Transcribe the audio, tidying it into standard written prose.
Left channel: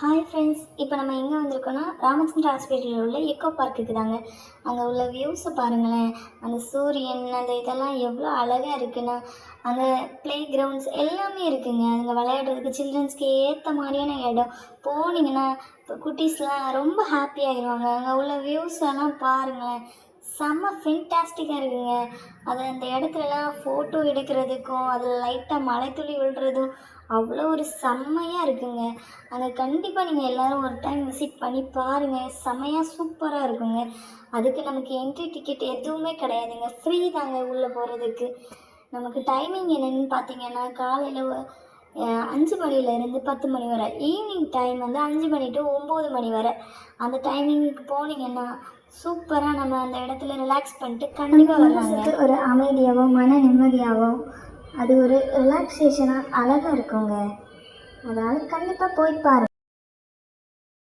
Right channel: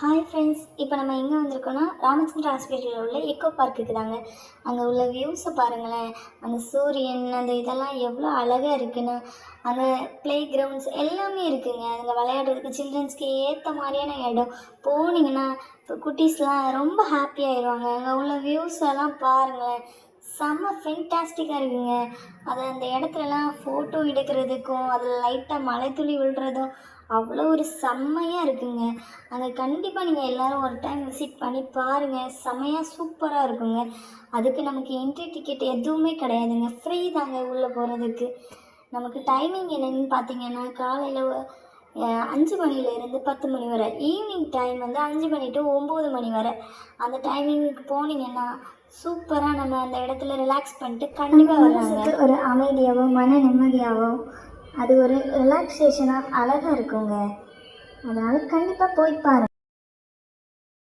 Hi friends, இப்போ நம்ம எங்கே வந்திருக்கோன்னா ராமச்சந்திர ஹாஸ்பிட்டலில் உள்ள எக்கோ பார்க்குக்கு தாங்க. அங்கே உள்ள வியூஸை பாருங்களேன். அந்த சூரியன் அந்த இதெல்லாம் எவ்வளோ அழகாக இருக்குன்னா, அங்கே ப்ளே கிரவுண்ட்ஸ் எல்லாமே இருக்குங்க. அங்கே விளையாடுறதுக்கு சில்ட்ரன்ஸ்க்கு ஏற்ற மாதிரியான இடம். போனீங்கன்னா குட்டீஸ்லாம் ரொம்ப ஹாப்பி ஆயிடுவாங்க. அங்கே உள்ள வியூஸ் எல்லாம் பாருங்களேன், செம்ம ஃபென்டாஸ்டிக்காக இருக்குங்க. அது அந்த இடத்துலலாம் ஃபோட்டோ எடுக்கிறதுக்கும் அதில் லைட்டாக மழை துளி விழுறதும் அவ்வளோ ஒரு செம்மையாக இருக்குங்க. அங்கே கண்டிப்பாக நீங்கள் எல்லோரும் ஒரு டைம் விசிட் பண்ணி பாருங்கள். செம்மையாக சூப்பராக இருக்குங்க. அதுக்கு நமக்கு என்ட்ரி டிக்கெட் எதுவுமே கிடையாதுங்க, ஃப்ரீ தாங்க உள்ளே போகிறதுக்கு. நமக்கு டைமிங் என்னென்னு பார்த்தீங்கன்னா, காலையில் 5 மணிலேருந்து 10 மணி வரை, ஈவினிங் டைம் வந்து 5 மணி டு 9 மணி வரை. அந்த டைமிங்க்கு போனீங்கன்னா சூப்பராக நம்ம அந்த இடத்துல ரிலாக்ஸ் பண்ணிட்டு கண்டிப்பாக மனசுக்கு ஒரு அமைதியாகவும் மன நிம்மதியாகவும் அது ஒரு ரிலாக்ஸேஷனாக அழகாக இருக்குங்க. அதனால் கண்டிப்பாக போய் பாருங்கள்.